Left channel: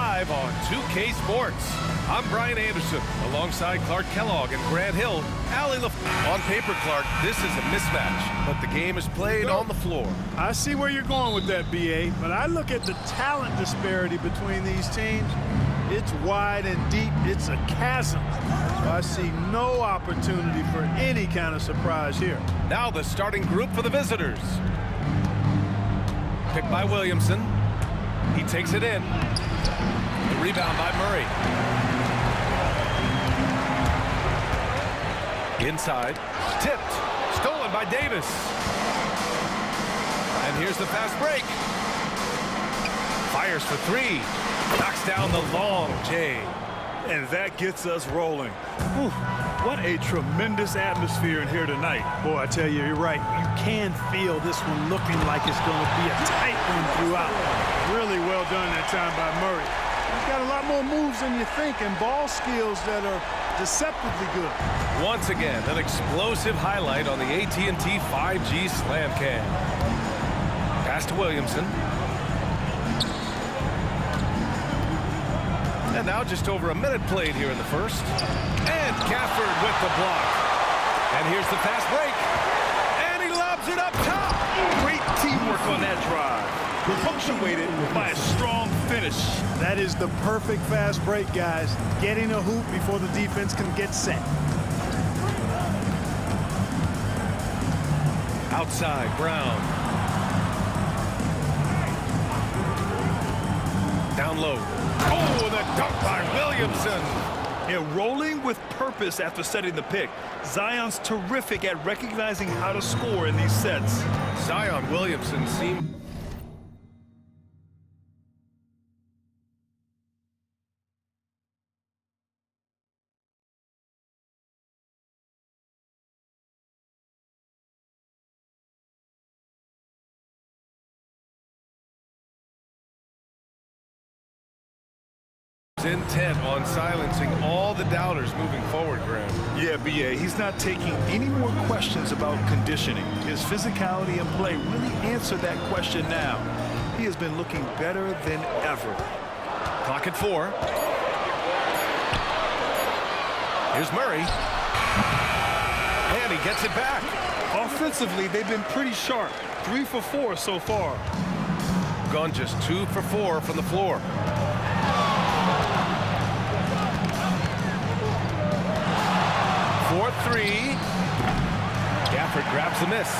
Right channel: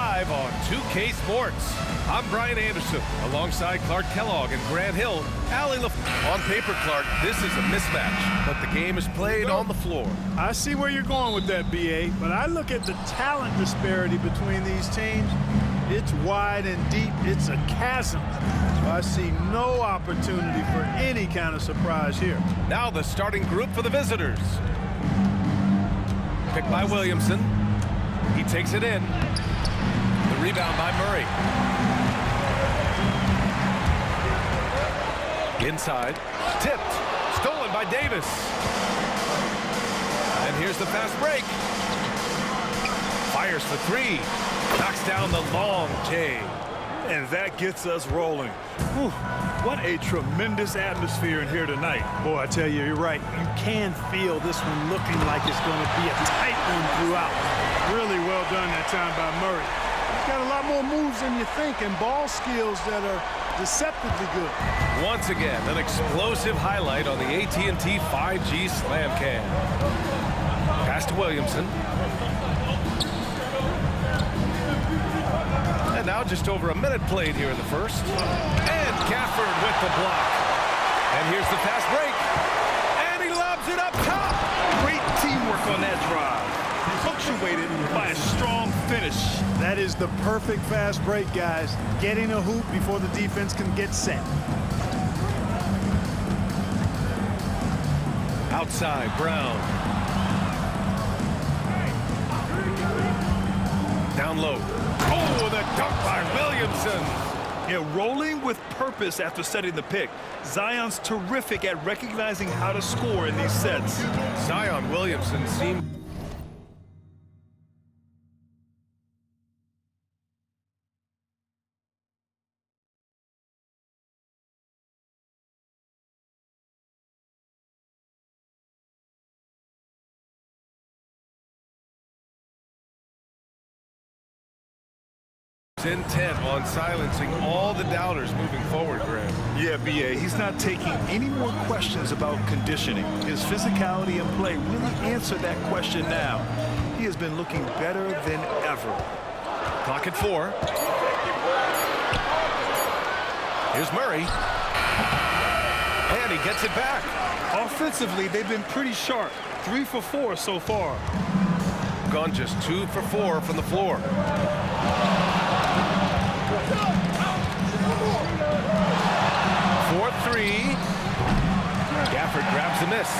live on 2K Sports. I'm Brian Anderson, alongside Clark Kellogg and Grant Hill. On paper, Clark, this is a mismatch, but the game is played on the floor. I see where you're going with that, BA, but I look at the talent disparity between these teams. It's wide and deep. It's a chasm. So I see no opportunity for any kind of surprise here. Now the starting group for the visitors. Picked by Williamson. He takes it in. The rebound by Murray. Inside. Tipped. Stolen by Davis. And here's the fast break. Fires for three. Knocks down the long J. And that gets us rolling. Whew, what a tremendous atmosphere in here tonight. Boy, I tell you, you're right. You can feel this one looking like it's going to be a tight one throughout. Really well done that time by Murray. He's got a lot more moves than you think and ball skills that are deceptively good. Once again, an explosive highlight on the AT&T 5G Slam Cam. Pass to Williamson. And now just over a minute played here in the first. And Gafford with the block. And here's the fast break. And he lobs it up top. Great teamwork on that drive. Punctuated by a strong finish. That is the perfect fast break, guys. Getting a hoop before the defense can get set. Outside, Brown. Down low. Oh, the dunk by Williamson. Yeah, rolling with purpose after setting the pick. Zion's terrific at recognizing how to score in these sets. Zion Williamson seemed... intent on silencing all the doubters moving forward, Graham. Yeah, BA, he's not taking any more questions about conditioning. His physicality and play really answered that question now. He has been looking better than ever. Clock at 4. Here's Murray. And he gets it back. Offensively, they've been pretty sharp. 3 for 4 so far. Gone just 2 for 4 from the floor. 4-3. Gafford grabs the miss.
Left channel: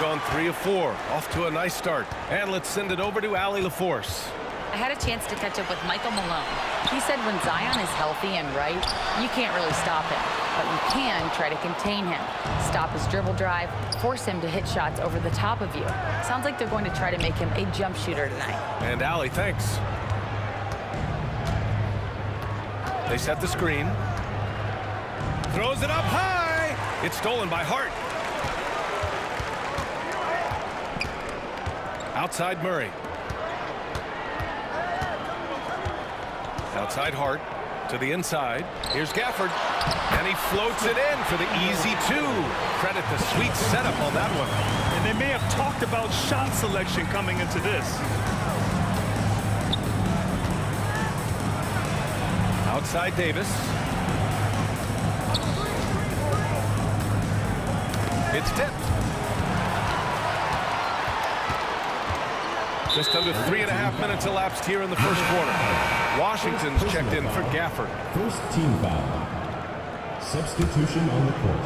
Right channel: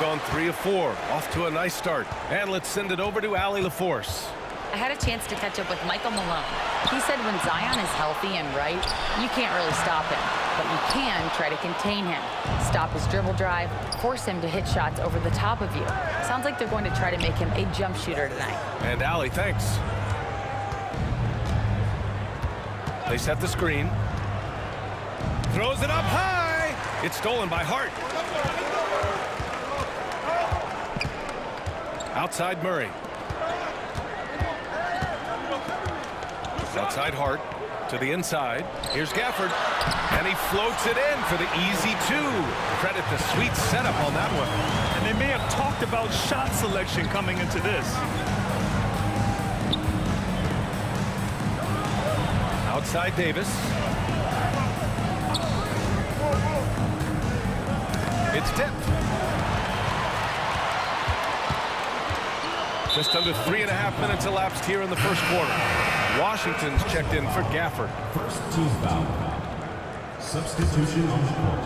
Gone 3 of 4. Off to a nice start. And let's send it over to Allie LaForce. I had a chance to catch up with Michael Malone. He said when Zion is healthy and right, you can't really stop him. But you can try to contain him. Stop his dribble drive, force him to hit shots over the top of you. Sounds like they're going to try to make him a jump shooter tonight. And Allie, thanks. They set the screen. Throws it up high. It's stolen by Hart. Outside Murray. Outside Hart to the inside. Here's Gafford. And he floats it in for the easy 2. Credit the sweet setup on that one. And they may have talked about shot selection coming into this. Outside Davis. It's tipped. Just under 3.5 minutes elapsed here in the first quarter. Washington's checked in for Gafford. First team foul. Substitution on the court.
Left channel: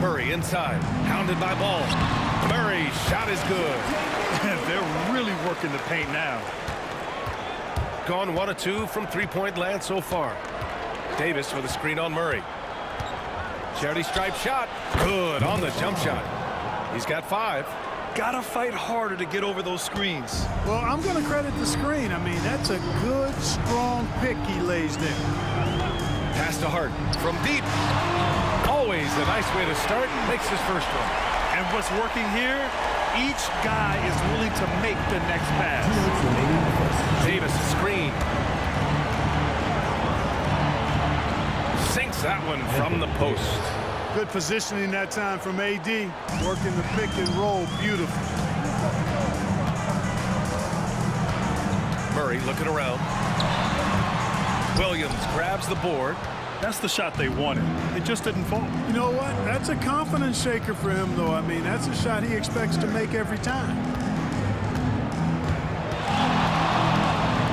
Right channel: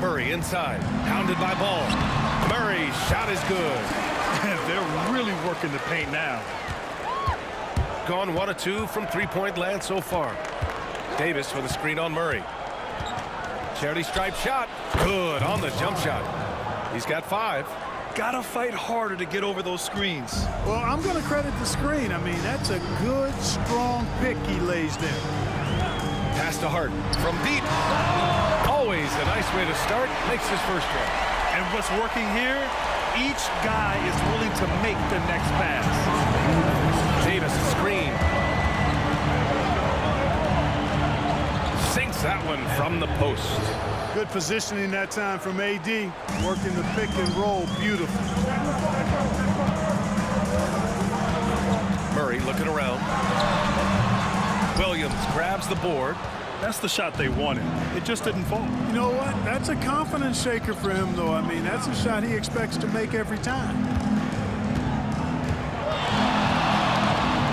Murray inside, hounded by Ball. Murray's shot is good. They're really working the paint now. Gone 1 of 2 from three-point land so far. Davis with a screen on Murray. Charity stripe shot. Good on the jump shot. He's got 5. Gotta fight harder to get over those screens. Well, I'm going to credit the screen. I mean, that's a good, strong pick he lays there. Pass to Hart from deep. Always a nice way to start. Makes his first one. And what's working here? Each guy is willing to make the next pass. Davis a screen. Sinks that one from the post. Good positioning that time from AD. Working the pick and roll beautiful. Murray looking around. Williams grabs the board. That's the shot they wanted. It just didn't fall. You know what? That's a confidence shaker for him, though. I mean, that's a shot he expects to make every time.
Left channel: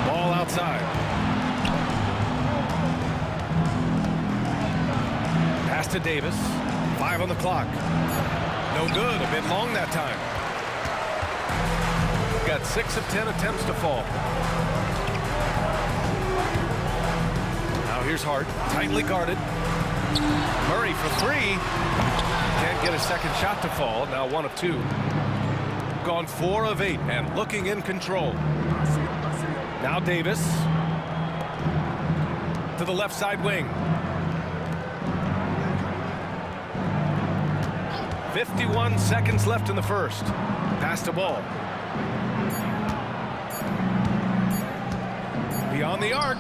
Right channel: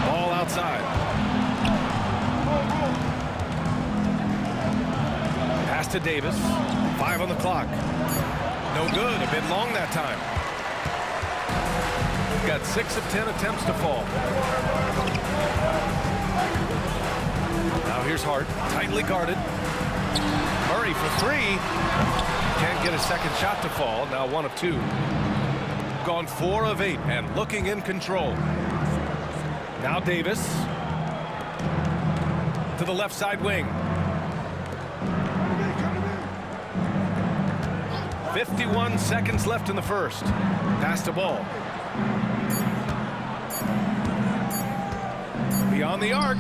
Ball outside. Pass to Davis. 5 on the clock. No good. A bit long that time. Got 6 of 10 attempts to fall. Now here's Hart, tightly guarded. Murray for 3. Can't get a second shot to fall. Now 1 of 2. Gone 4 of 8 and looking in control. Now Davis to the left side wing. 51 seconds left in the first. Pass the ball. Beyond the arc.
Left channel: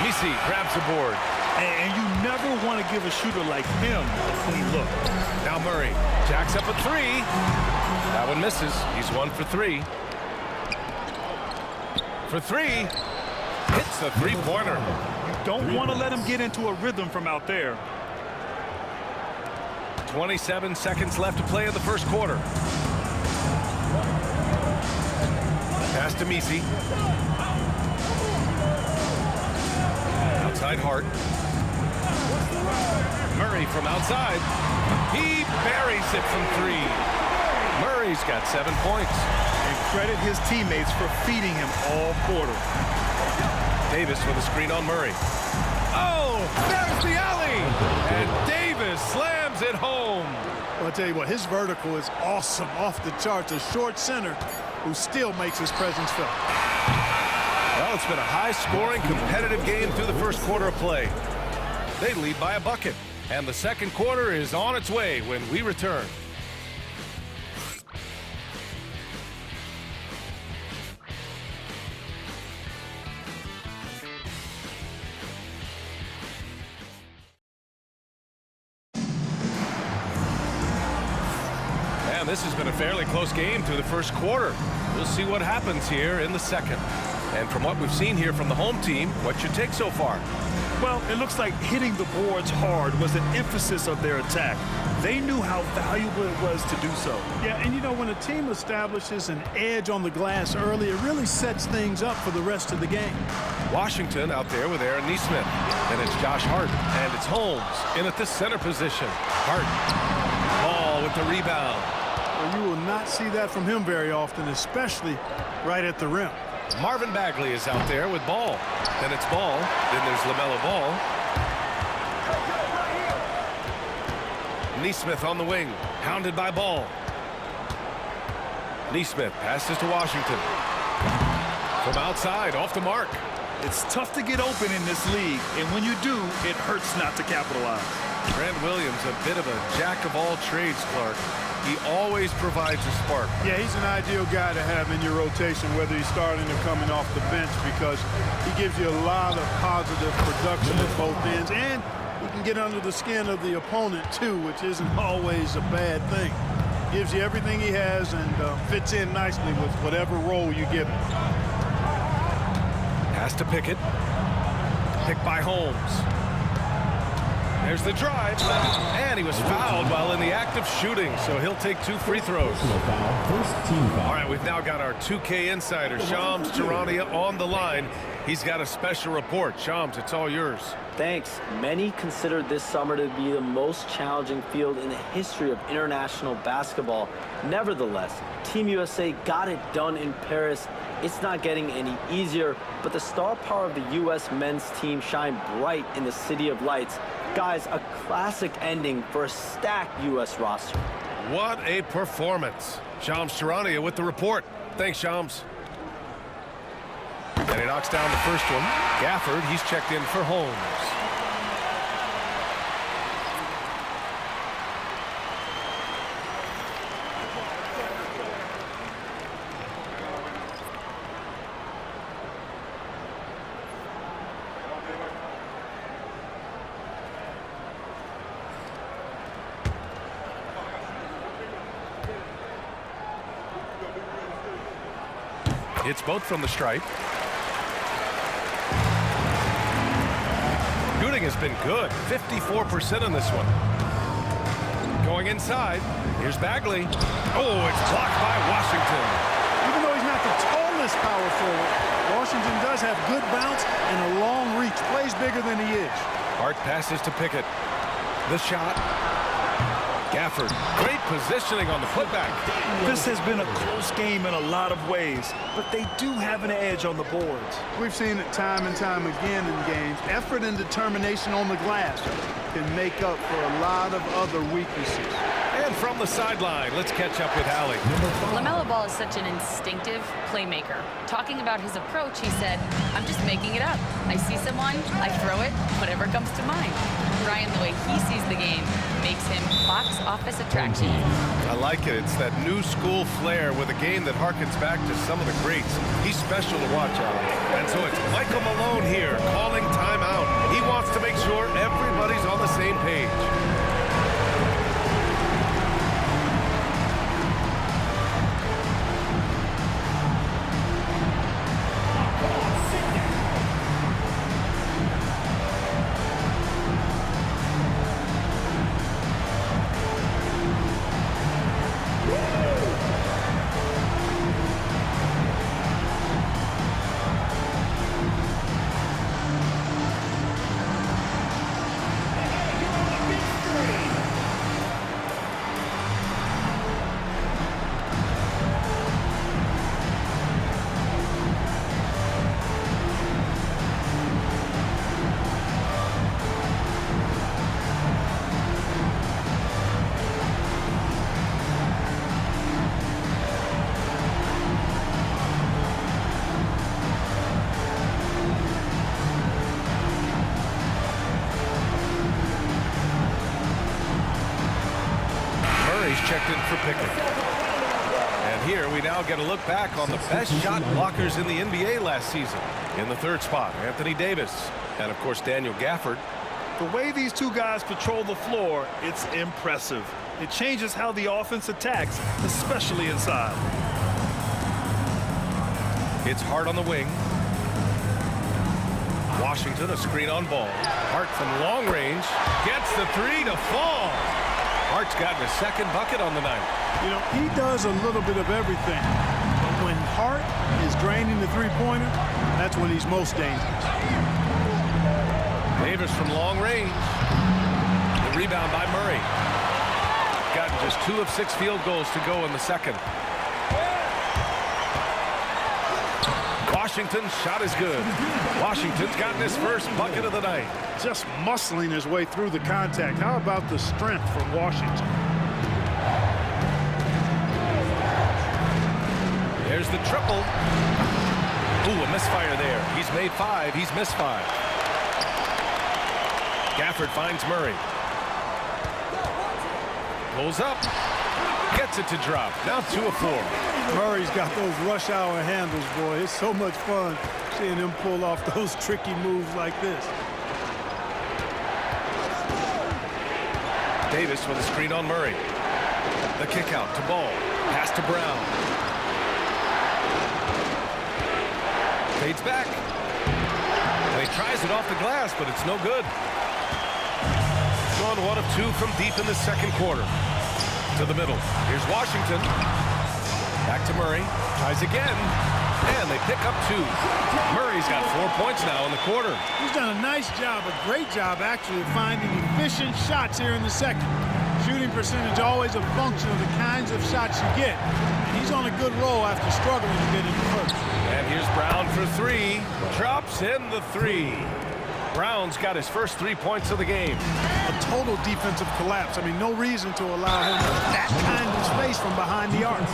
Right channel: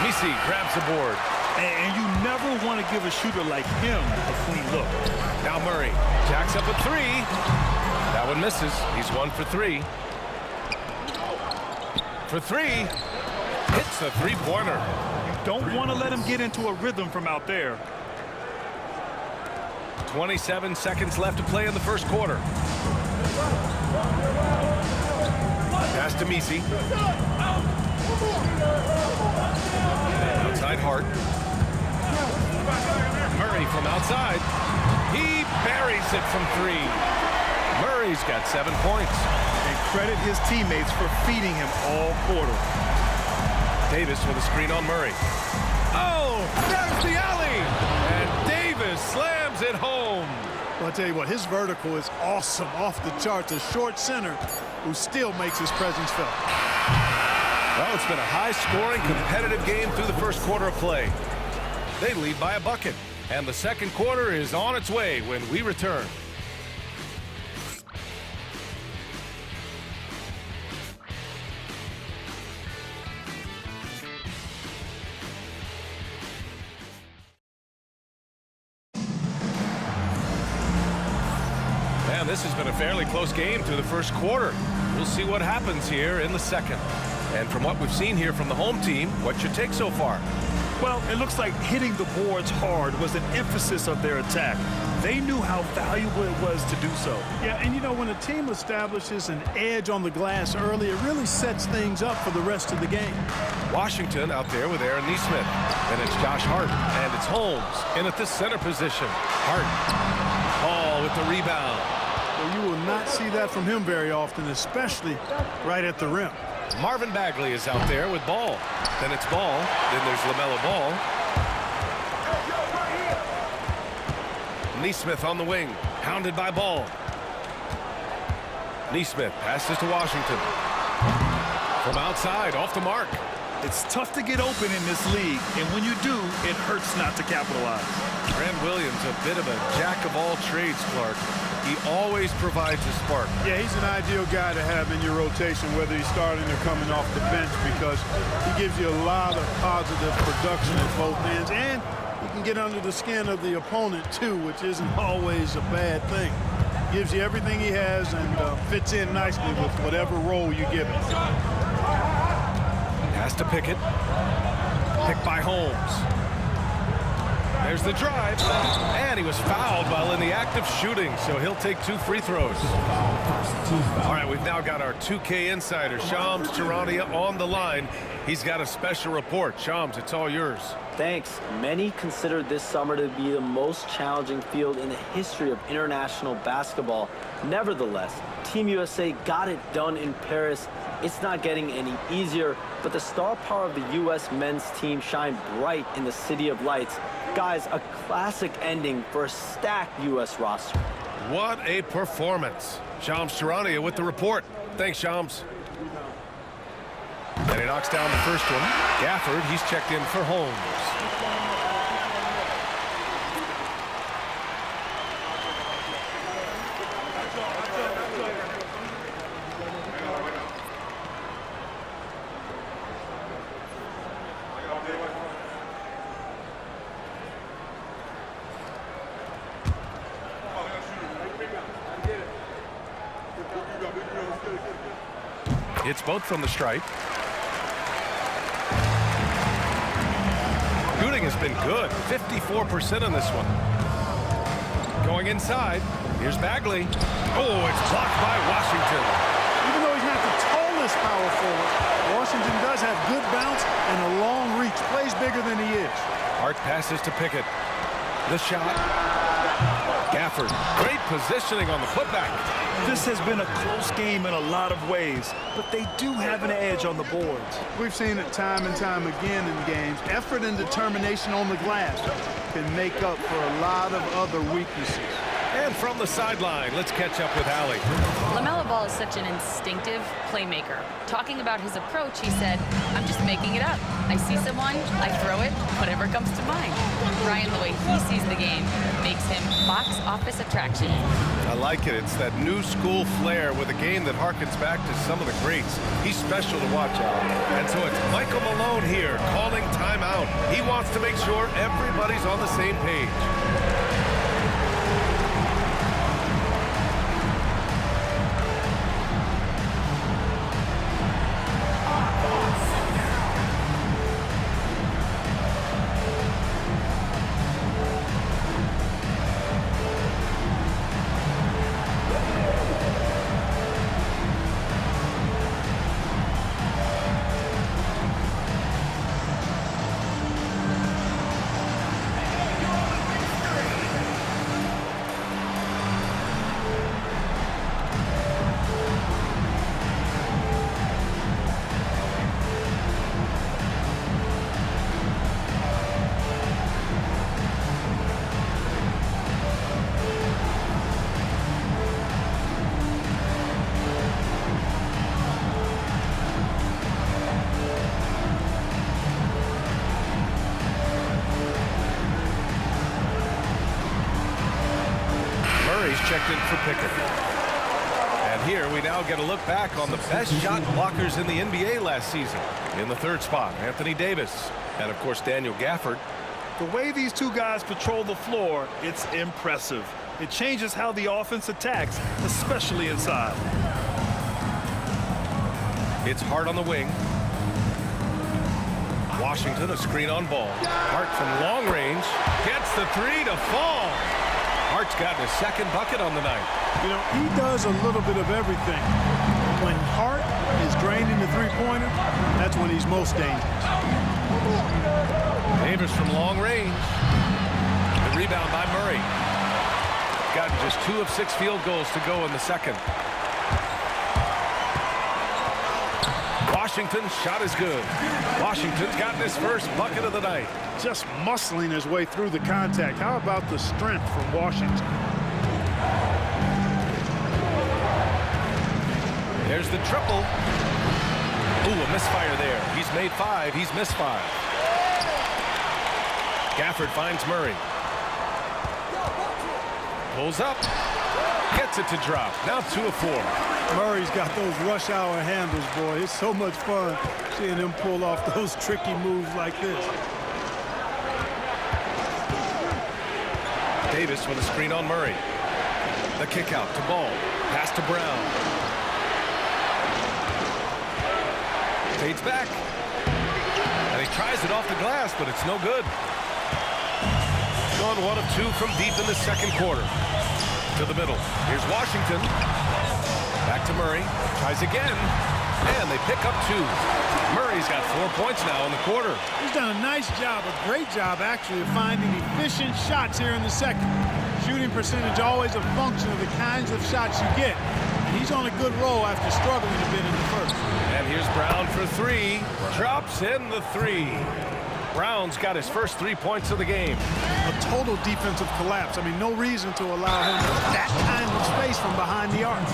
Misi grabs the board. And you never want to give a shooter like him a clean look. Now Murray jacks up a 3. That one misses. He's 1 for 3. For 3. Hits the three-pointer. You don't want to let him get into a rhythm from out there. 27 seconds left to play in the first quarter. Pass to Misi. Outside Hart. Murray from outside. He buries it from 3. Murray's got 7 points. And credit his teammates for feeding him all quarter. Davis with a screen on Murray. Oh, there's the alley! And Davis slams it home. Well, I'll tell you what, his vertical is awesome, off the charts. A short center who still makes his presence felt. Well, it's been a high-scoring, competitive game through the first quarter of play. They lead by a bucket, and the second quarter is on its way when we return. And this has been a fairly close game through the first quarter. We'll see what happens here in the second. And from what we've seen here from the home team, what's your take so far? Well, it looks like hitting the boards hard was an emphasis of their attack. They knew how valuable it was to do so. Yeah, and you know, when a team establishes an edge on the glass early, it really sets things up for the rest of the game. Washington out there with Aaron Nesmith. Then it's Josh Hart, and it's Holmes in at the center position. Hart, Ball with the rebound. Well, you will not see that from him very often, especially right at the rim. Marvin Bagley is out there with Ball. Then it's Ball. Then there's LaMelo Ball. Nesmith on the wing, hounded by Ball. Nesmith passes to Washington. From outside, off the mark. It's tough to get open in this league, and when you do, it hurts not to capitalize. Grant Williams, a bit of a jack of all trades, Clark. He always provides a spark. Yeah, he's an ideal guy to have in your rotation, whether he's starting or coming off the bench, because he gives you a lot of positive production at both ends, and he can get under the skin of the opponent too, which isn't always a bad thing. Gives you everything he has and fits in nicely with whatever role you give him. Pass to Pickett. Picked by Holmes. There's the drive, and he was fouled while in the act of shooting, so he'll take 2 free throws. All right, we've now got our 2K insider, Shams Charania, on the line. He's got a special report. Shams, it's all yours. Thanks. Many consider this summer to be the most challenging field in the history of international basketball. Nevertheless, Team USA got it done in Paris. It's not getting any easier, but the star power of the U.S. men's team shined bright in the City of Lights. Guys, a classic ending for a stacked U.S. roster. What a performance. Shams Charania with the report. Thanks, Shams. And he knocks down the first one. Gafford, he's checked in for Holmes. Hits both from the stripe. Shooting has been good, 54% on this one. Going inside, here's Bagley. Oh, it's blocked by Washington. Even though he's not the tallest power forward, Washington does have good bounce and a long reach. Plays bigger than he is. Hart passes to Pickett. The shot. Gafford, great positioning on the putback. This has been a close game in a lot of ways, but they do have an edge on the boards. We've seen it time and time again in games. Effort and determination on the glass can make up for a lot of other weaknesses. And from the sideline, let's catch up with Allie. LaMelo Ball is such an instinctive playmaker. Talking about his approach, he said, "I'm just making it up. I see someone, I throw it, whatever comes to mind." Brian, the way he sees the game makes him box office attraction. I like it. It's that new school flair with a game that harkens back to some of the greats. He's special to watch, Allie. And so it's Michael Malone here calling timeout. He wants to make sure everybody's on the same page. Murray's checked in for Pickett. And here we now get a look back on the best shot blockers in the NBA last season. In the third spot, Anthony Davis. And, of course, Daniel Gafford. The way these two guys patrol the floor, it's impressive. It changes how the offense attacks, especially inside. It's Hart on the wing. Washington, a screen on Ball. Hart from long range gets the three to fall. Hart's gotten his second bucket on the night. You know, he does a little bit of everything. But when Hart is draining the three-pointer, that's when he's most dangerous. Davis from long range. The rebound by Murray. Gotten just 2 of 6 field goals to go in the second. Washington's shot is good. Washington's gotten his first bucket of the night. Just muscling his way through the contact. How about the strength from Washington? There's the triple. Ooh, a misfire there. He's made 5. He's missed 5. Gafford finds Murray. Pulls up. Gets it to drop. Now 2 of 4. Murray's got those rush hour handles, boy. It's so much fun seeing him pull off those tricky moves like this. Davis with a screen on Murray. The kick out to Ball. Pass to Brown. Fades back. And he tries it off the glass, but it's no good. Gone 1 of 2 from deep in the second quarter. To the middle. Here's Washington. Back to Murray. Tries again. And they pick up 2. Murray's got 4 points now in the quarter. He's done a nice job, a great job, actually, of finding efficient shots here in the second. Shooting percentage always a function of the kinds of shots you get. And he's on a good roll after struggling a bit in the first. And here's Brown for 3. Drops in the 3. Brown's got his first 3 points of the game. A total defensive collapse. I mean, no reason to allow him that kind of space from behind the arc.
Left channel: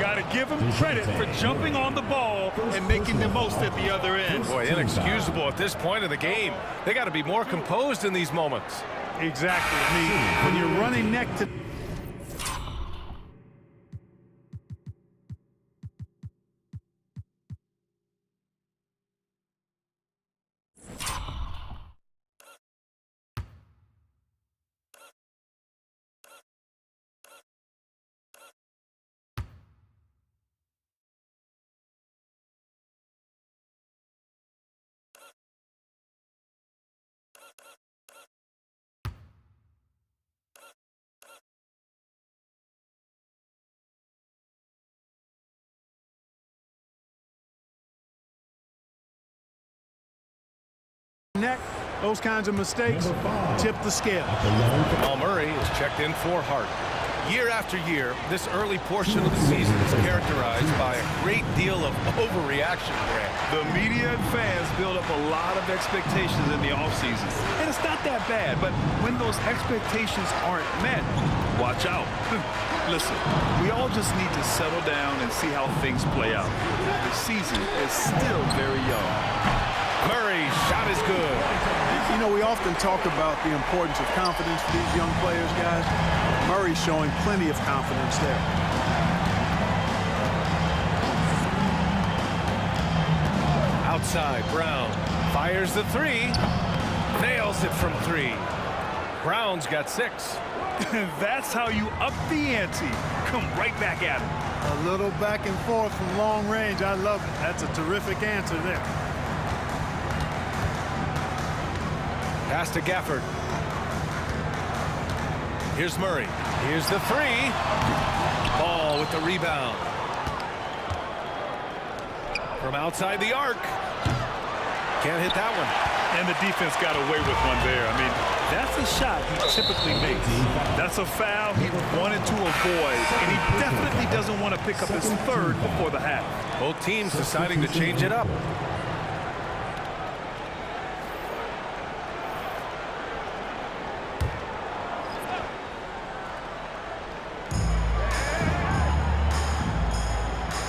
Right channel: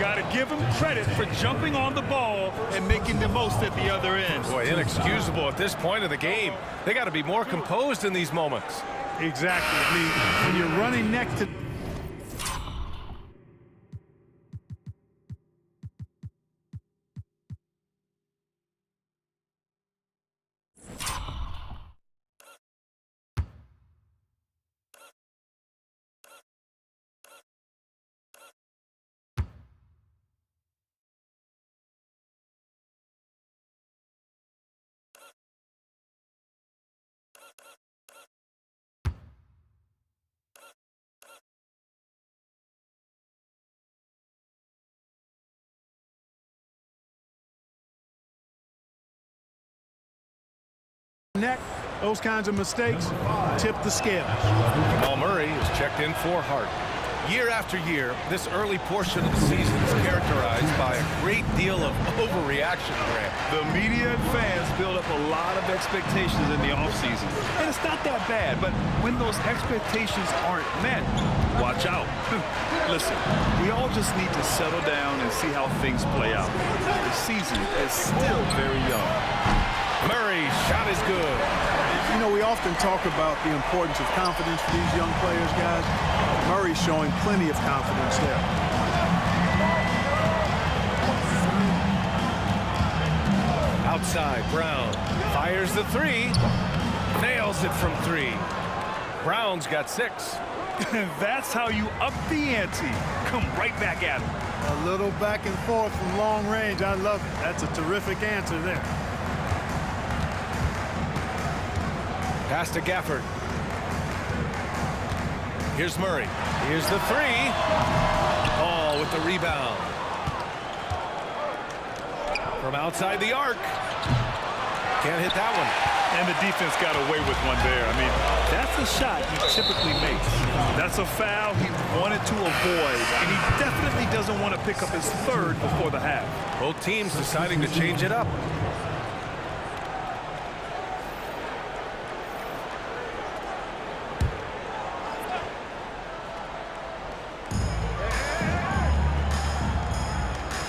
Got to give him credit for jumping on the ball and making the most at the other end. Boy, inexcusable at this point of the game. They got to be more composed in these moments. Exactly. I mean, when you're running neck to neck, those kinds of mistakes tip the scale. Jamal Murray is checked in for Hart. Year after year, this early portion of the season is characterized by a great deal of overreaction, Grant. The media and fans build up a lot of expectations in the offseason. And it's not that bad, but when those expectations aren't met, watch out. Listen, we all just need to settle down and see how things play out. The season is still very young. Murray's shot is good. You know, we often talk about the importance of confidence for these young players, guys. Murray's showing plenty of confidence there. Outside, Brown fires the three, nails it from three. Brown's got 6. That's how you up the ante. Come right back at him. A little back and forth from long range. I love it. That's a terrific answer there. Pass to Gafford. Here's Murray. Here's the 3. Ball with the rebound. From outside the arc. Can't hit that one. And the defense got away with one there. I mean, that's a shot he typically makes. That's a foul he wanted to avoid, and he definitely doesn't want to pick up his 3rd before the half. Both teams deciding to change it up.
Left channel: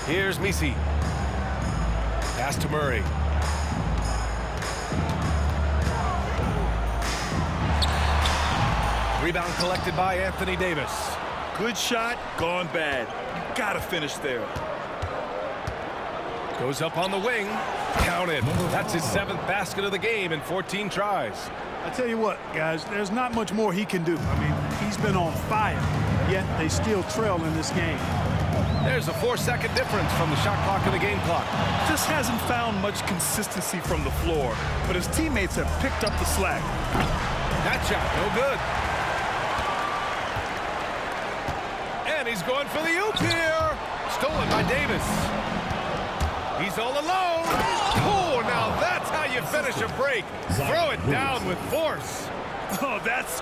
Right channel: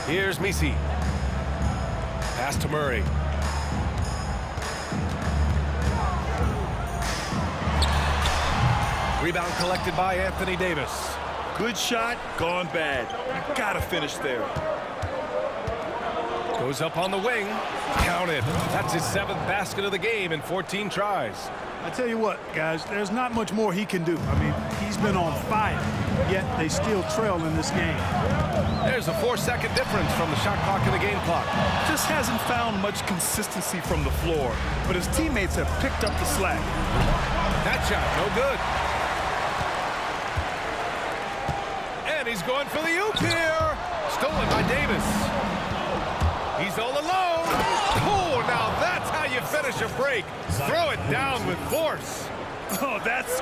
Here's Messi. Pass to Murray. Rebound collected by Anthony Davis. Good shot, gone bad. You gotta finish there. Goes up on the wing. Counted. That's his 7th basket of the game in 14 tries. I tell you what, guys, there's not much more he can do. I mean, he's been on fire, yet they still trail in this game. There's a 4-second difference from the shot clock and the game clock. Just hasn't found much consistency from the floor, but his teammates have picked up the slack. That shot, no good. And he's going for the oop here. Stolen by Davis. He's all alone. Oh, now that's how you finish a break. Throw it down with force. Oh, that's...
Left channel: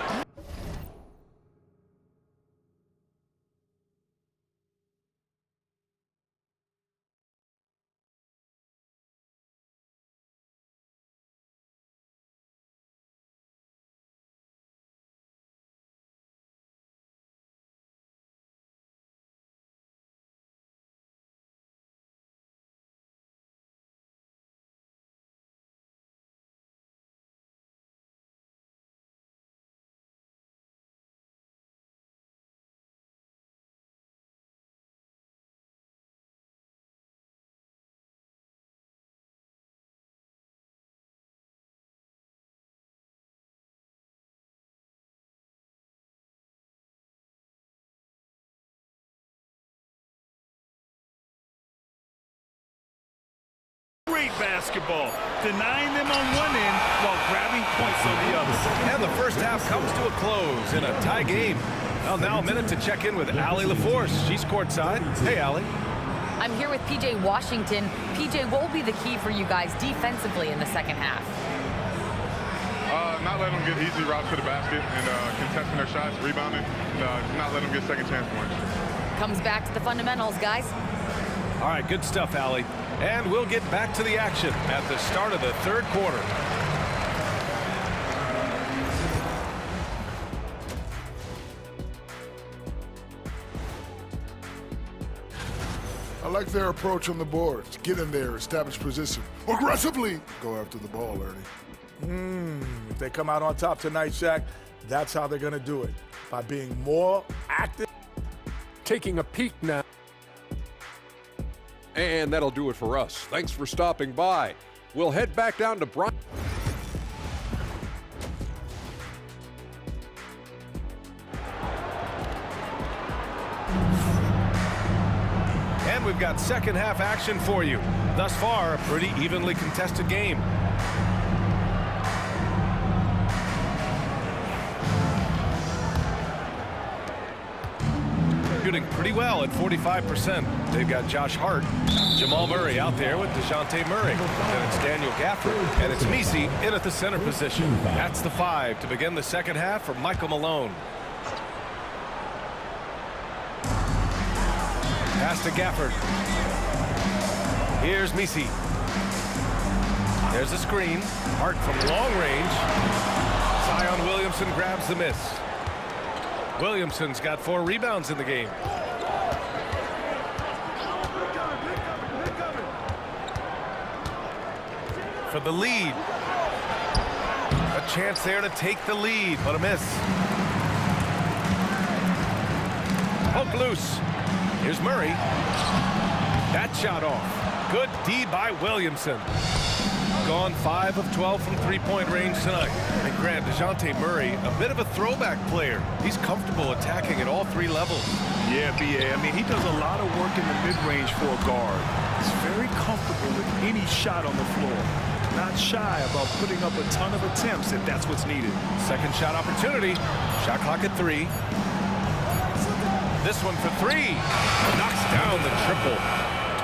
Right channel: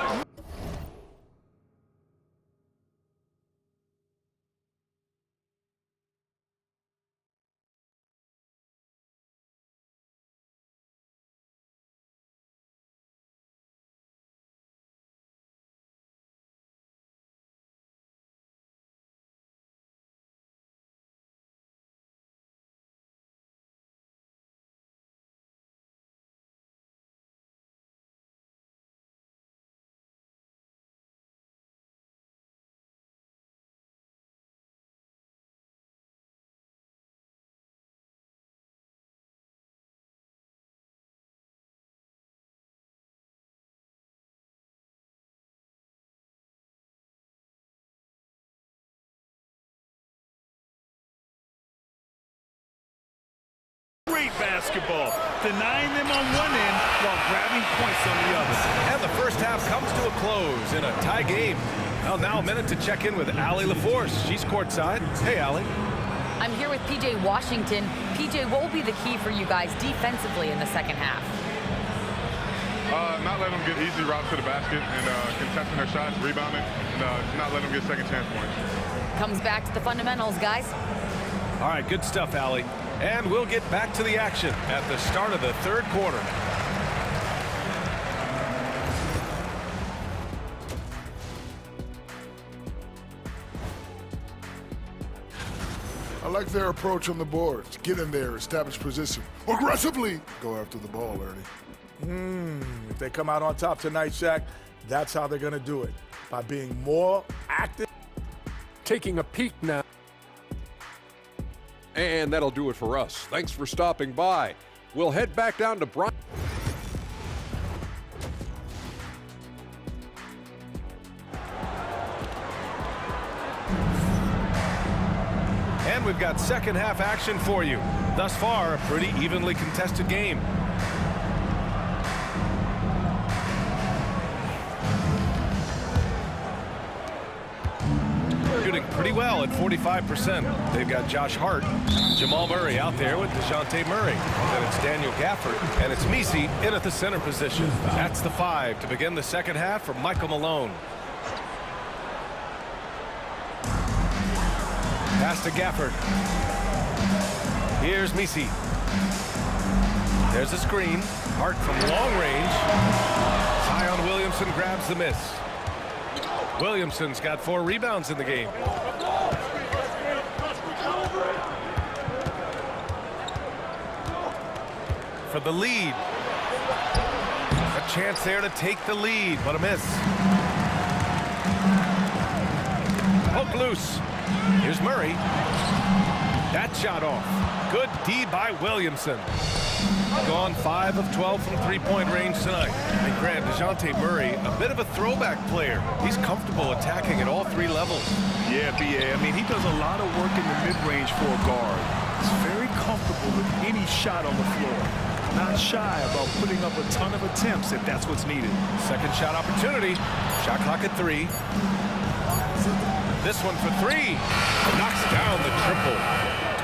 Great basketball, denying them on one end while grabbing points on the other. And the first half comes to a close in a tie game. Well, now a minute to check in with Allie LaForce. She's courtside. Hey, Allie. I'm here with PJ Washington. PJ, what will be the key for you guys defensively in the second half? Not letting them get easy routes to the basket and contesting their shots, rebounding, and not letting them get second chance points. Comes back to the fundamentals, guys. All right, good stuff, Allie. And we'll get back to the action at the start of the 3rd quarter. I like their approach on the boards. Get in there, establish position. Aggressively go after the ball, Ernie. If they come out on top tonight, Shaq, that's how they're going to do it. By being more active. Taking a peek now. And that'll do it for us. Thanks for stopping by. We'll head back down to Brian. And we've got second half action for you. Thus far, a pretty evenly contested game. shooting pretty well at 45%. They've got Josh Hart, Jamal Murray out there with DeJounte Murray. Then it's Daniel Gafford, and it's Misi in at the center position. That's the 5 to begin the second half for Michael Malone. Pass to Gafford. Here's Misi. There's a screen. Hart from long range. Zion Williamson grabs the miss. Williamson's got 4 rebounds in the game. For the lead. A chance there to take the lead, but a miss. Poke loose. Here's Murray. That shot off. Good D by Williamson. Gone 5 of 12 from three-point range tonight. And Grant, DeJounte Murray, a bit of a throwback player. He's comfortable attacking at all 3 levels. Yeah, B.A. I mean, he does a lot of work in the mid-range for a guard. He's very comfortable with any shot on the floor. Not shy about putting up a ton of attempts if that's what's needed. Second shot opportunity. Shot clock at 3. This one for 3. Knocks down the triple.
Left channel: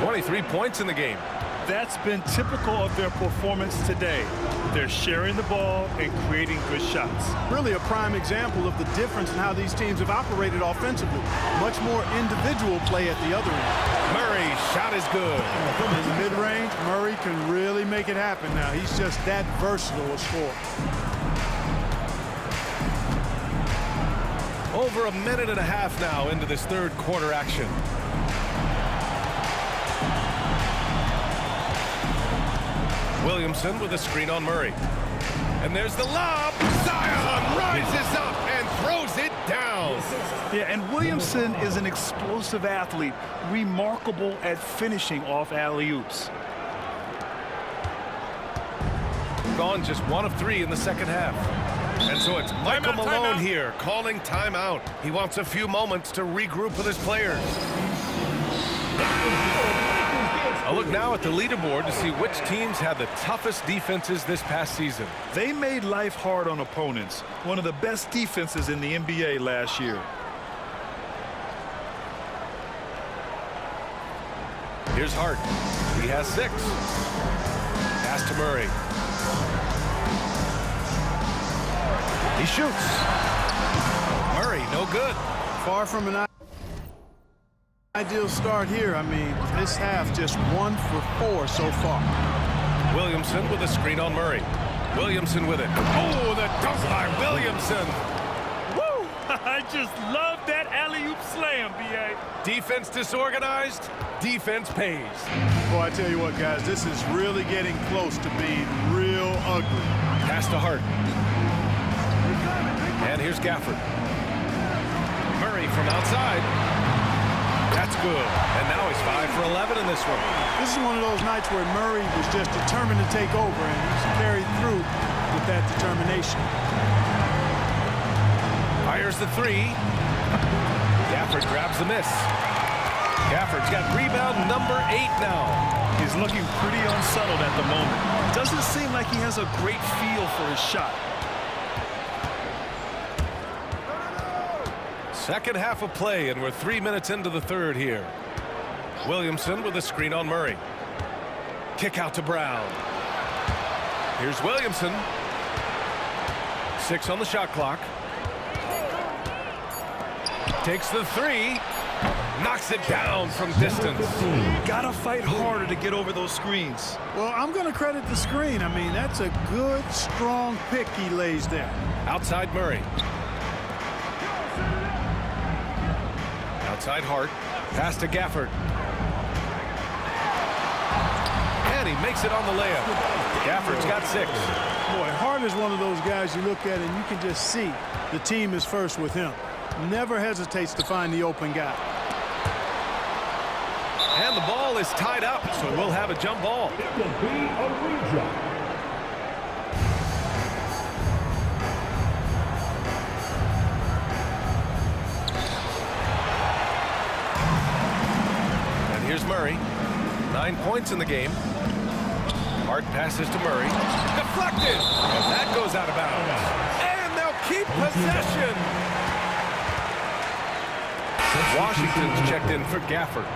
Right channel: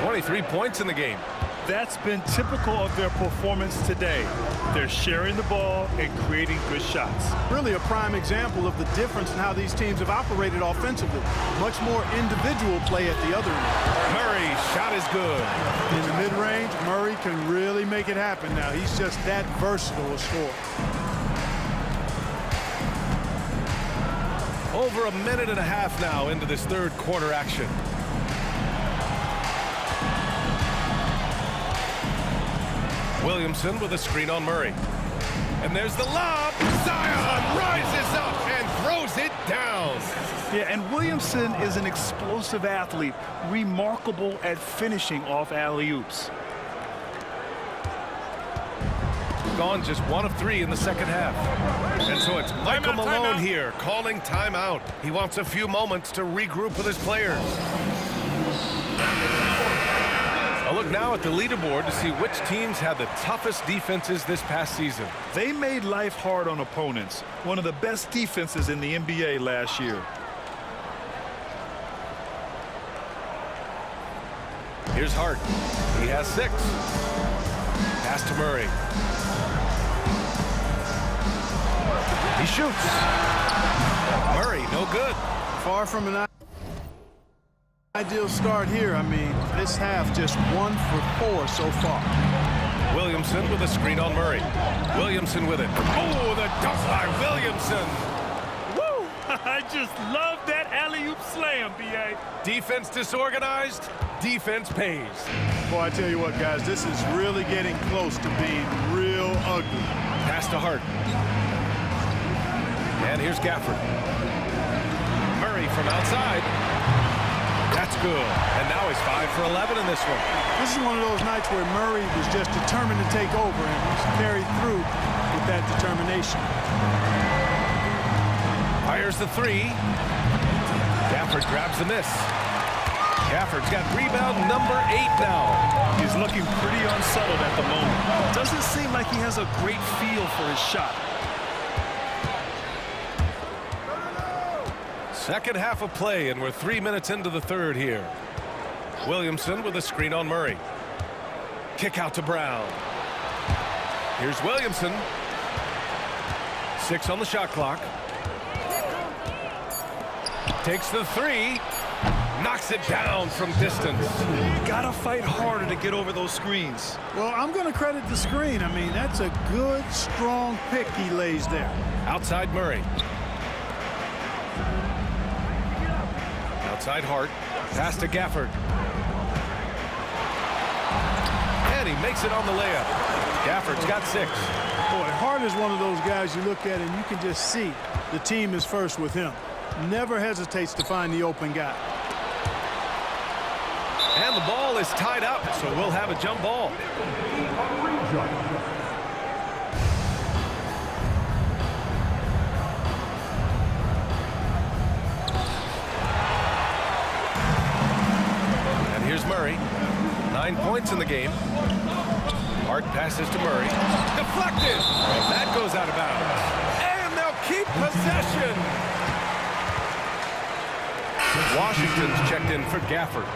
23 points in the game. That's been typical of their performance today. They're sharing the ball and creating good shots. Really a prime example of the difference in how these teams have operated offensively. Much more individual play at the other end. Murray's shot is good. In the mid-range, Murray can really make it happen now. He's just that versatile a scorer. Over a minute and a half now into this third quarter action. Williamson with a screen on Murray. And there's the lob. Zion rises up and throws it down. Yeah, and Williamson is an explosive athlete, remarkable at finishing off alley-oops. Gone just 1 of 3 in the second half. And so it's Michael Malone here calling timeout. He wants a few moments to regroup with his players. A look now at the leaderboard to see which teams had the toughest defenses this past season. They made life hard on opponents. One of the best defenses in the NBA last year. Here's Hart. He has 6. Pass to Murray. He shoots. Murray, no good. Far from an ideal start here. I mean, this half just 1 for 4 so far. Williamson with a screen on Murray. Williamson with it. Oh, the dunk by Williamson. Woo! I just love that alley-oop slam, B.A. Defense disorganized. Defense pays. Boy, I tell you what, guys, this is really getting close to being real ugly. Pass to Hart. And here's Gafford. Murray from outside. That's good. And now he's 5 for 11 in this one. This is one of those nights where Murray was just determined to take over, and he's carried through with that determination. Fires the 3. Gafford grabs the miss. Gafford's got rebound number 8 now. He's looking pretty unsettled at the moment. Doesn't seem like he has a great feel for his shot. Second half of play, and we're 3 minutes into the third here. Williamson with a screen on Murray. Kick out to Brown. Here's Williamson. 6 on the shot clock. Takes the 3. Knocks it down from distance. Gotta fight harder to get over those screens. Well, I'm going to credit the screen. I mean, that's a good, strong pick he lays there. Outside Murray. Outside Hart. Pass to Gafford. And he makes it on the layup. Gafford's got 6. Boy, Hart is one of those guys you look at and you can just see the team is first with him. Never hesitates to find the open guy. And the ball is tied up, so we'll have a jump ball. And here's Murray. 9 points in the game. Hart passes to Murray. Deflected! And that goes out of bounds. And they'll keep possession. Washington's checked in for Gafford.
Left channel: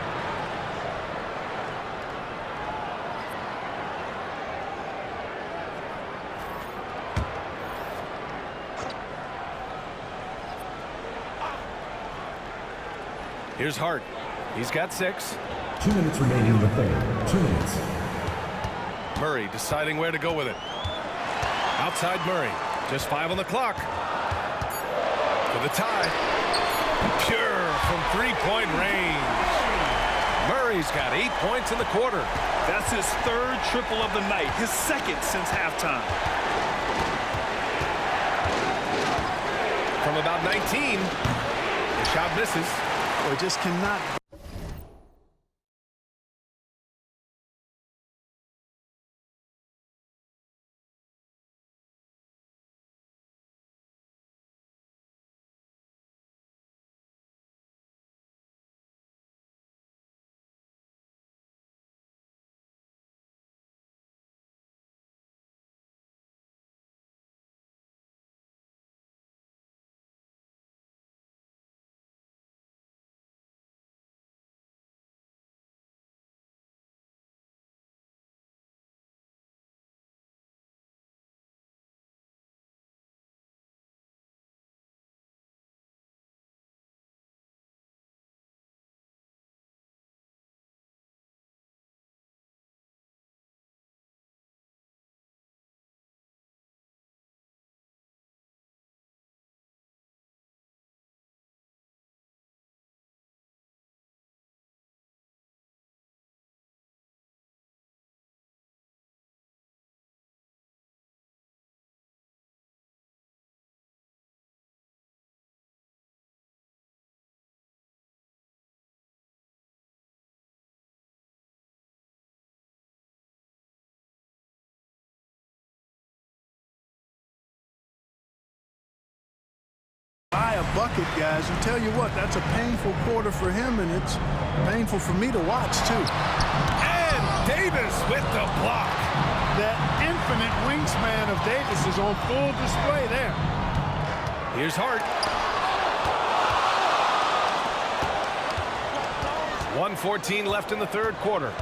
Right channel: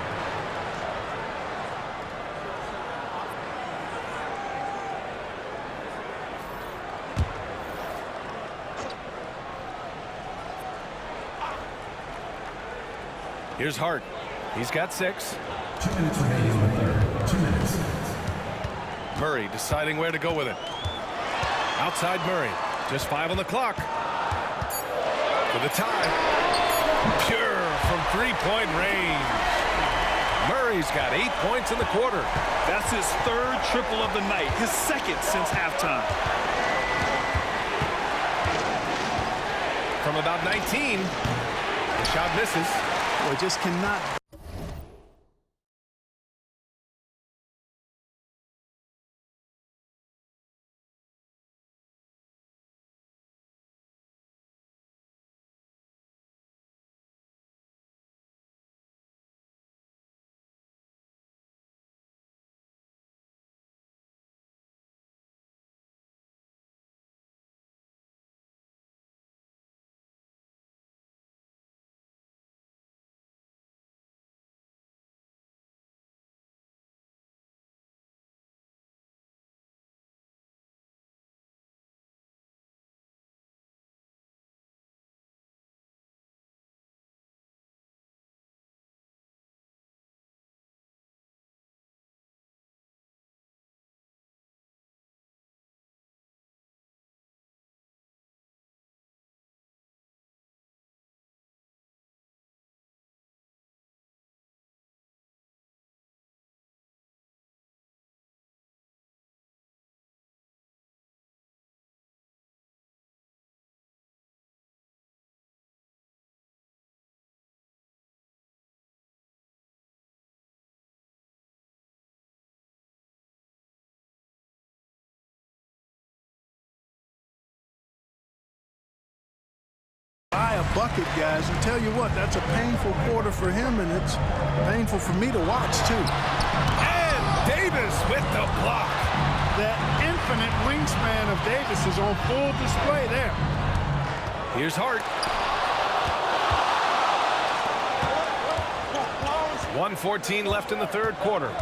Here's Hart. He's got 6. 2 minutes remaining in the third. 2 minutes. Murray deciding where to go with it. Outside Murray. Just 5 on the clock. For the tie. Pure from 3-point range. Murray's got 8 points in the quarter. That's his 3rd triple of the night, his 2nd since halftime. From about 19, the shot misses. Boy, just cannot. By a bucket, guys, and tell you what, that's a painful quarter for him, and it's painful for me to watch, too. And Davis with the block. That infinite wingspan of Davis is on full display there. Here's Hart. 1:14 left in the third quarter.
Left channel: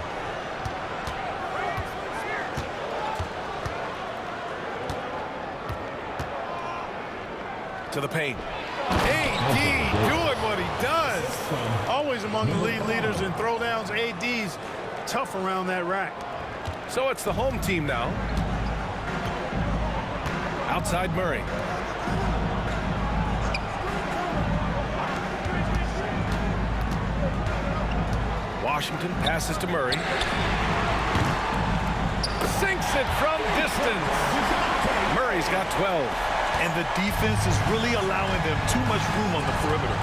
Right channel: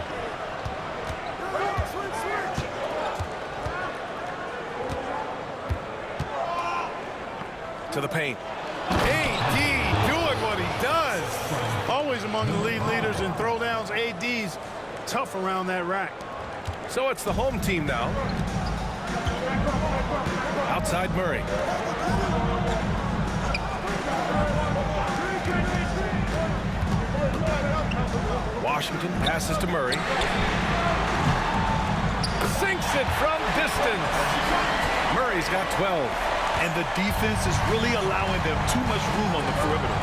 To the paint. AD doing what he does. Always among the league leaders in throwdowns. AD's tough around that rack. So it's the home team now. Outside Murray. Washington passes to Murray. Sinks it from distance. Murray's got 12. And the defense is really allowing them too much room on the perimeter.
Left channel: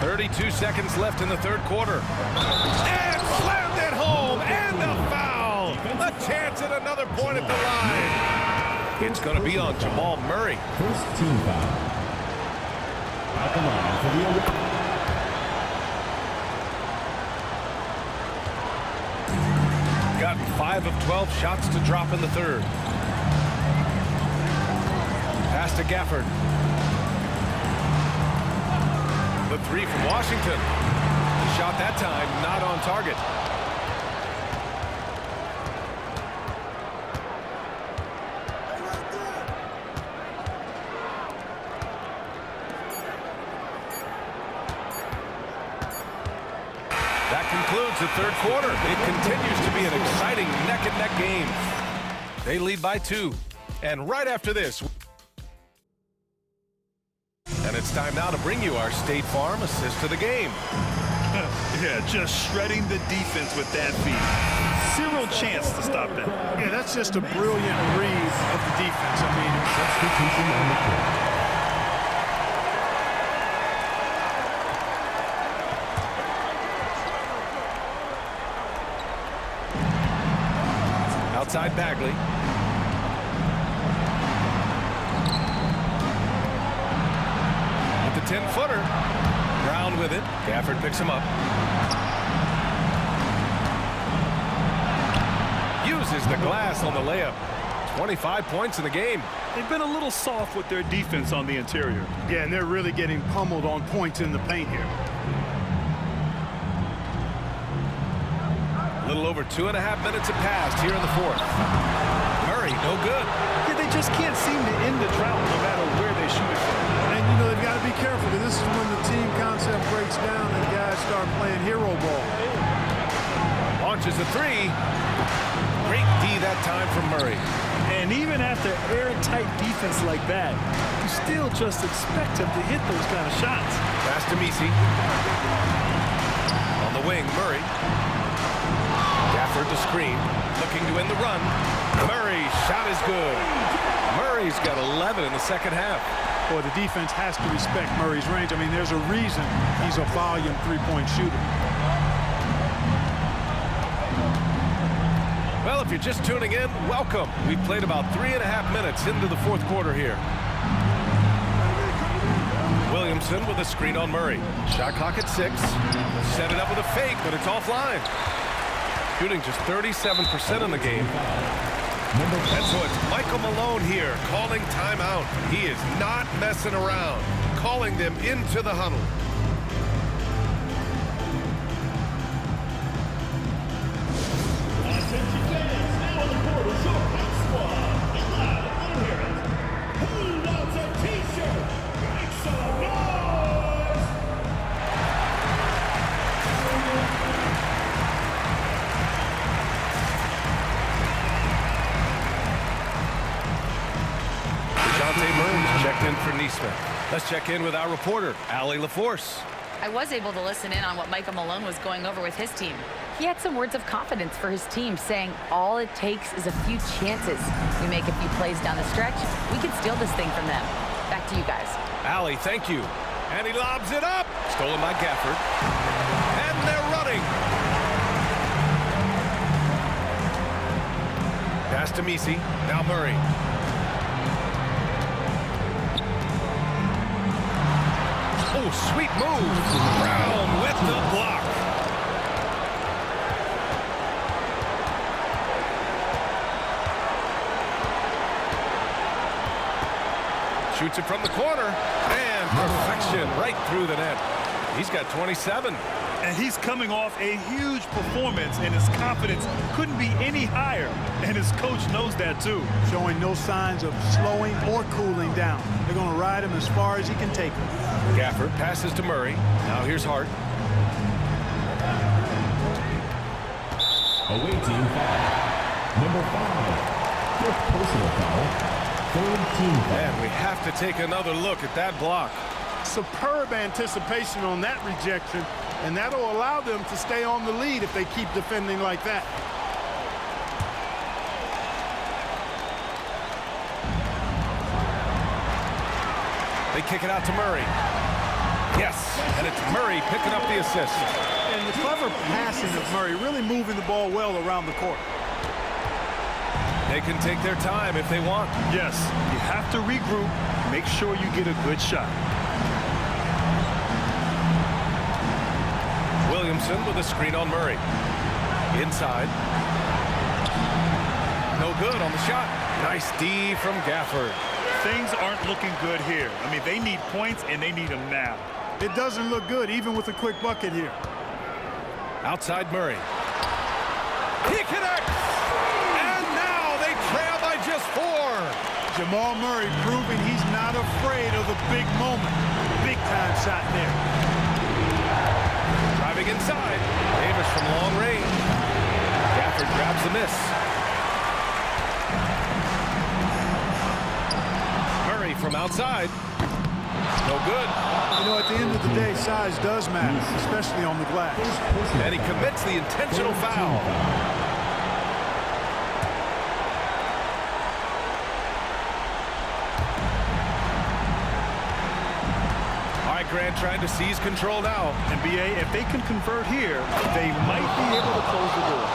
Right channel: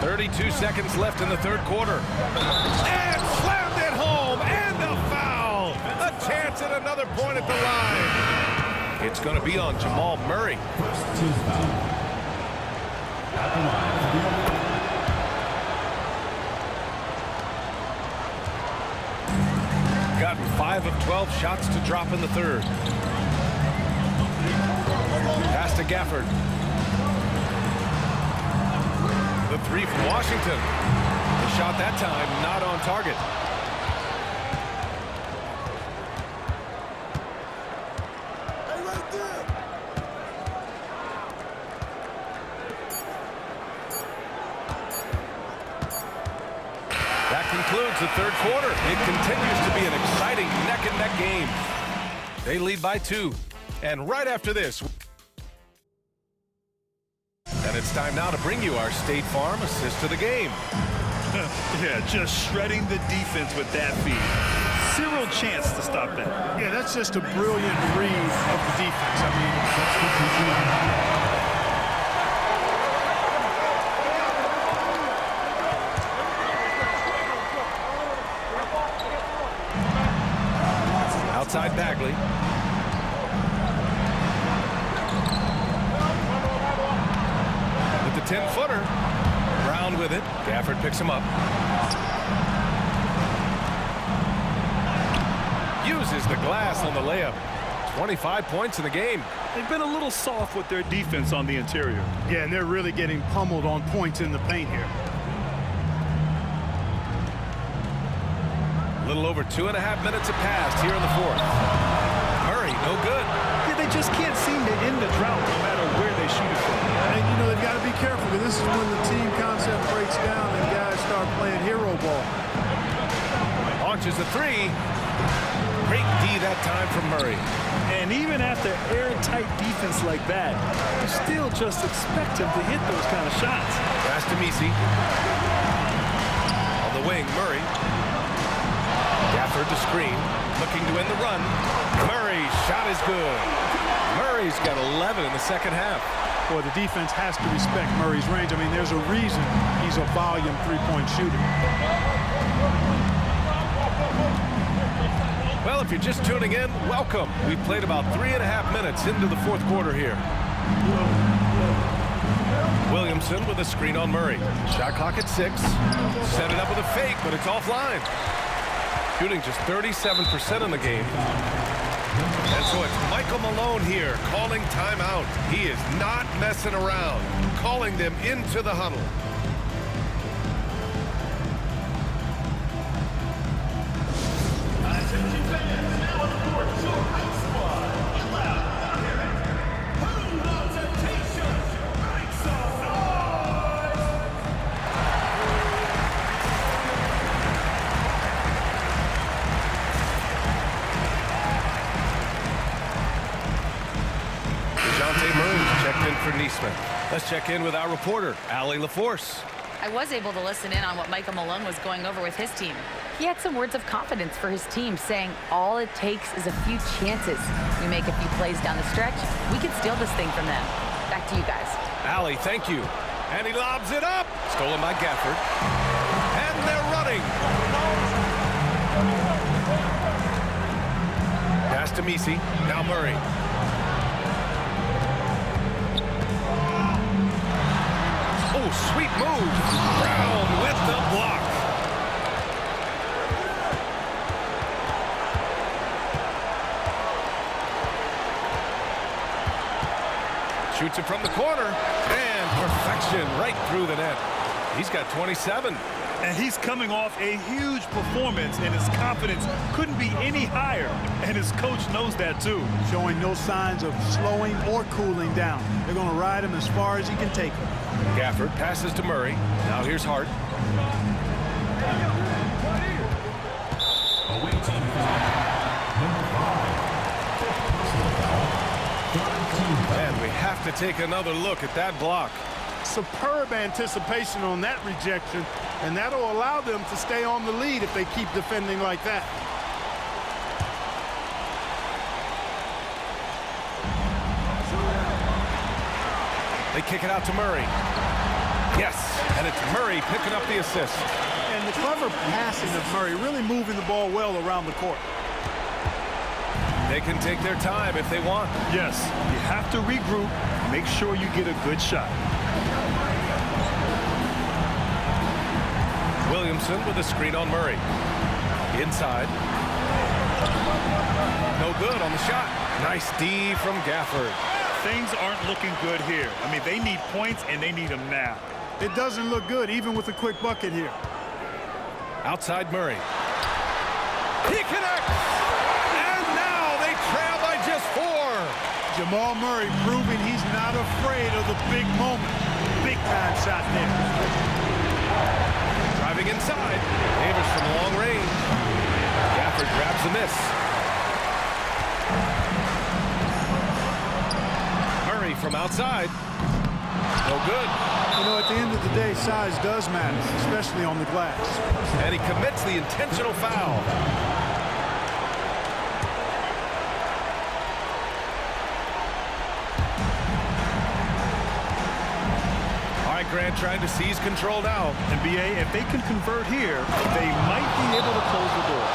.32 seconds left in the third quarter. And slammed it home, and the foul. A chance at another point at the line. It's going to be on Jamal Murray. First team foul. At the line for the Gotten 5 of 12 shots to drop in the third. Pass to Gafford. The 3 from Washington. The shot that time not on target. That concludes the third quarter. It continues to be an exciting neck-and-neck game. They lead by 2. And right after this... And it's time now to bring you our State Farm assist of the game. Yeah, just shredding the defense with that feed. Zero chance to stop that. Yeah, that's just a brilliant read of the defense. I mean... Outside Bagley. With the 10-footer. Brown with it. Gafford picks him up. Uses the glass on the layup. 25 points in the game. They've been a little soft with their defense on the interior. Yeah, and they're really getting pummeled on points in the paint here. A little over 2.5 minutes have passed here in the fourth. Murray, no good. Yeah, they just can't seem to end the drought no matter where they shoot it from. And, you know, they've got to be careful because this is when the team concept breaks down and guys start playing hero ball. Launches the three. Great D that time from Murray. And even after airtight defense like that, you still just expect him to hit those kind of shots. Pass to Misi. On the wing, Murray. Gafford the screen, looking to win the run. Murray's shot is good. Murray's got 11 in the second half. Boy, the defense has to respect Murray's range. I mean, there's a reason he's a volume three-point shooter. Well, if you're just tuning in, welcome. We've played about 3.5 minutes into the fourth quarter here. Williamson with a screen on Murray. Shot clock at 6. Set it up with a fake, but it's offline. Shooting just 37% in the game. And so it's Michael Malone here calling timeout. He is not messing around, calling them into the huddle. Checked in for Neesmith. Let's check in with our reporter, Allie LaForce. I was able to listen in on what Michael Malone was going over with his team. He had some words of confidence for his team, saying all it takes is a few chances. We make a few plays down the stretch, we can steal this thing from them. Back to you guys. Allie, thank you. And he lobs it up. Stolen by Gafford. And they're running. Pass to Misi. Now Murray. Oh, sweet move. Brown with the block. Shoots it from the corner. And perfection right through the net. He's got 27. And he's coming off a huge performance, and his confidence couldn't be any higher. And his coach knows that, too. Showing no signs of slowing or cooling down. They're going to ride him as far as he can take him. Gafford passes to Murray. Now here's Hart. Away team foul. Number 5. Fifth personal foul. Third team foul. And we have to take another look at that block. Superb anticipation on that rejection, and that'll allow them to stay on the lead if they keep defending like that. They kick it out to Murray. Yes, and it's Murray picking up the assist. And the clever passing of Murray, really moving the ball well around the court. They can take their time if they want. Yes, you have to regroup, make sure you get a good shot. Williamson with a screen on Murray. Inside. No good on the shot. Nice D from Gafford. Things aren't looking good here. I mean, they need points, and they need them now. It doesn't look good, even with a quick bucket here. Outside Murray. He connects! And now they trail by just 4. Jamal Murray proving he's not afraid of the big moment. Big time shot there. Driving inside. Davis from long range. Gafford grabs the miss. Murray from outside. No good. You know, at the end of the day, size does matter, especially on the glass. And he commits the intentional foul. All right, Grant trying to seize control now. And BA, if they can convert here, they might be able to close the door.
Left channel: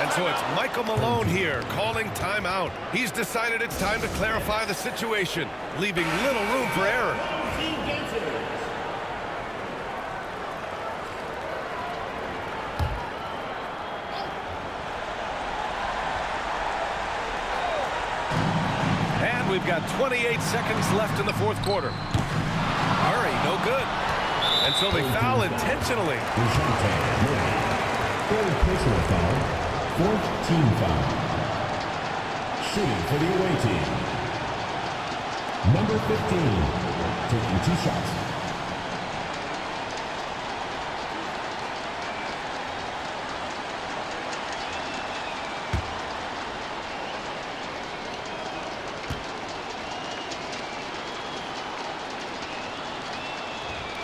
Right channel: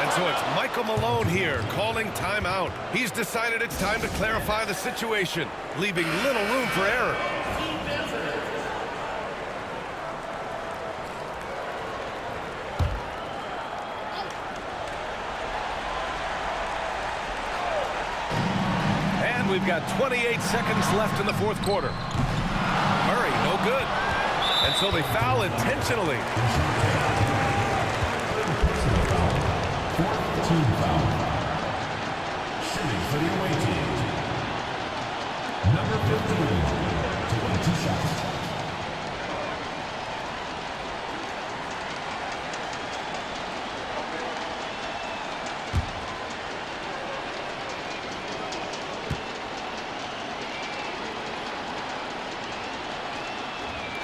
And so it's Michael Malone here calling timeout. He's decided it's time to clarify the situation, leaving little room for error. And we've got 28 seconds left in the fourth quarter. Murray, no good. And so they foul intentionally. Third personal foul. Fourth team foul. Shooting for the away team. Number 15. Taking 2 shots.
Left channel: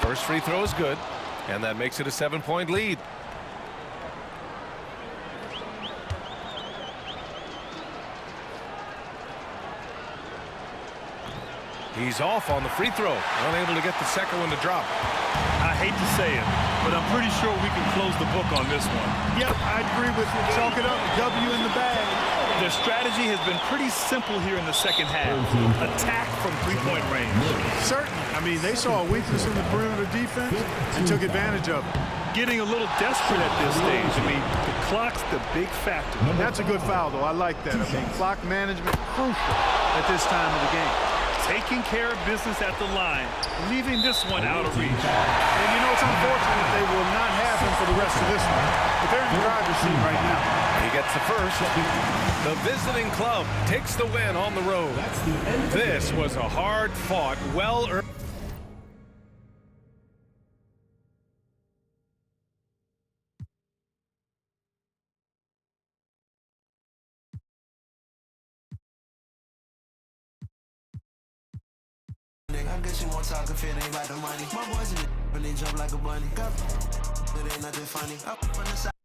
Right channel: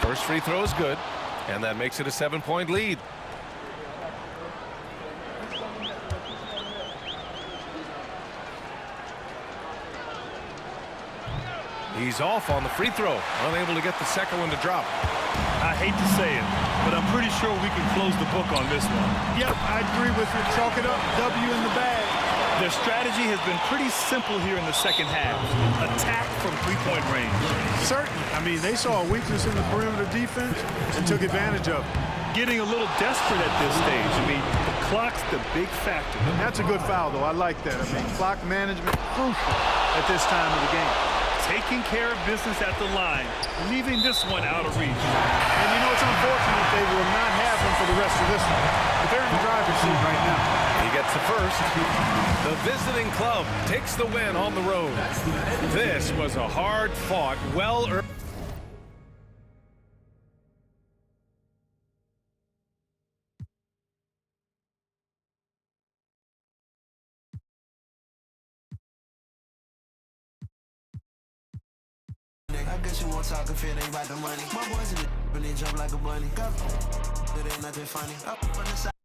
First free throw is good, and that makes it a 7-point lead. He's off on the free throw, unable to get the second one to drop. I hate to say it, but I'm pretty sure we can close the book on this one. Yep, I agree with you. Chalk it up. W in the bag. Their strategy has been pretty simple here in the second half. Attack from three-point range. Certainly. I mean, they saw a weakness in the perimeter defense and took advantage of it. Getting a little desperate at this stage. I mean, the clock's the big factor. That's a good foul, though. I like that. I mean, clock management crucial at this time of the game. Taking care of business at the line, leaving this one out of reach. And you know, it's unfortunate they will not have him for the rest of this one. But they're in the driver's seat right now. He gets the first. The visiting club takes the win on the road. This was a hard-fought, well-earned. I guess you won't talk if it ain't about the money. My boys in the jump like a bunny. It ain't nothing funny. Up on the side.